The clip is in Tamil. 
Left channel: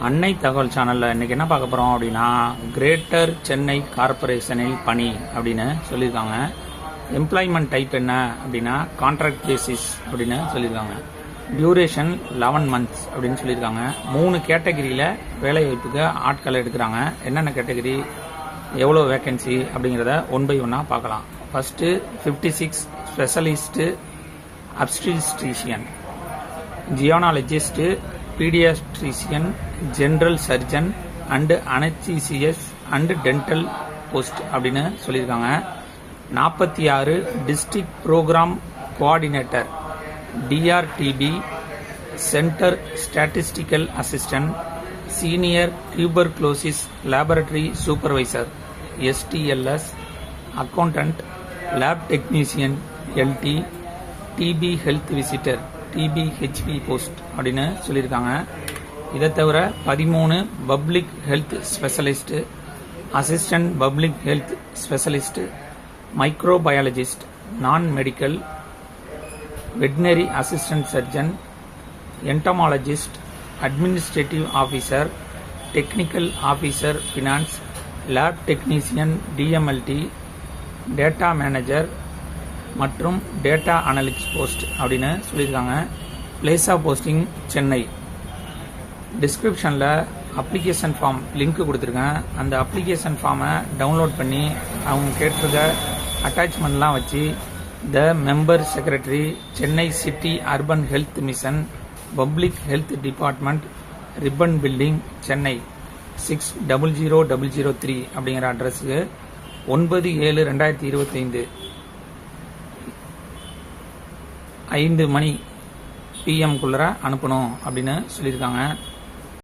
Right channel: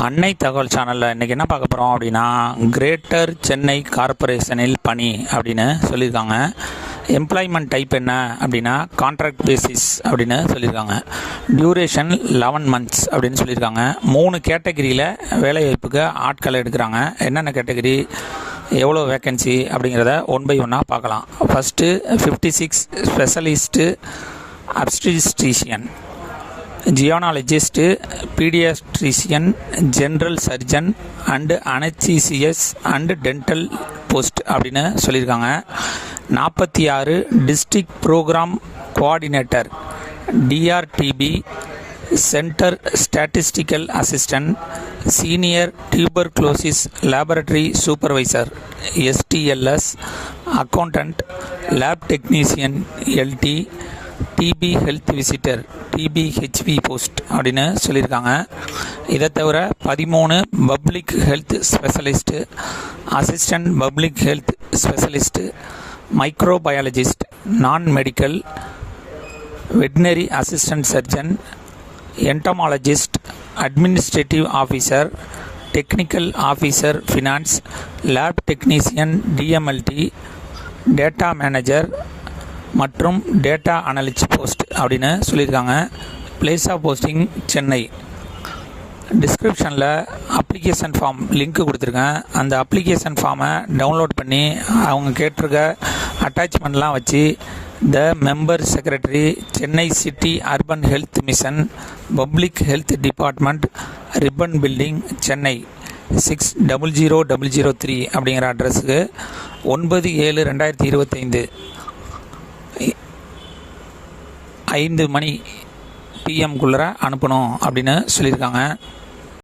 அன்னை தகவல் சேனலில் இன்றைக்கி என்ன பார்க்க போகிறோம் அப்படின்னா, கிரேட்டர் சென்னை கார்ப்பரேஷனில் பணி அப்படின்னு சொல்லியிருக்காங்க. எம்ப்ளாய்மெண்ட் டைப் என்ன அப்படின்னா கான்ட்ராக்ட் பேசிஸ் அப்படின்னு சொல்லியிருக்காங்க. டியூரேஷன் 11 மந்த்ஸ் அப்படின்னு சொல்லியிருக்காங்க. 3 கேட்டகரியில் வேலைவாய்ப்புக்கு ஆட்களை எடுக்கிறாங்க. என்னென்ன கேட்டகரி, எவ்வளோ வேக்கன்சி அப்படிங்கிறத ஒன் பை ஒன்னாக பார்க்கலாம். First 56 specialist obstetrician, gynaecologist, paediatrician, general surgeon and anaesthetists and dental post அப்படின்னு சொல்லியிருக்காங்க. 46 district programme coordinator, DRTB, centre statistical assistant, senior tuberculosis laboratory supervisor STLS, accountant, lab technician LT, TB health visitor TBHP post அப்படின்னு சொல்லியிருக்காங்க. இதை தவிர 13 public health specialist, assistant public health specialist, microbiologist, non medical, veterinary assistant surgeon, entomologist, administrative officer, technical officer finance, lab technician DMLT, data manager மற்றும் டேட்டா அனலிஸ்ட் போஸ்ட் அப்படின்னு சொல்லியிருக்காங்க. Place of posting Chennai. டிஸ்கிரிப்ஷனில் அப்ளிகேஷன் ஃபார்ம் லிங்க் கொடுத்துருக்கேன். அந்த அப்ளிகேஷன் ஃபார்மை டவுன்லோட் பண்ணி அவங்க கேட்டிருக்க அட்டாச்மெண்ட்லாம் வச்சு the member secretary, Chennai city urban health mission, public health department, Ripon building, Chennai 600003 அப்படிங்கிற அட்ரஸுக்கு 9/7/2025 5 மணி PM அனுப்பணும் அப்படின்னு சொல்லியிருக்காங்க.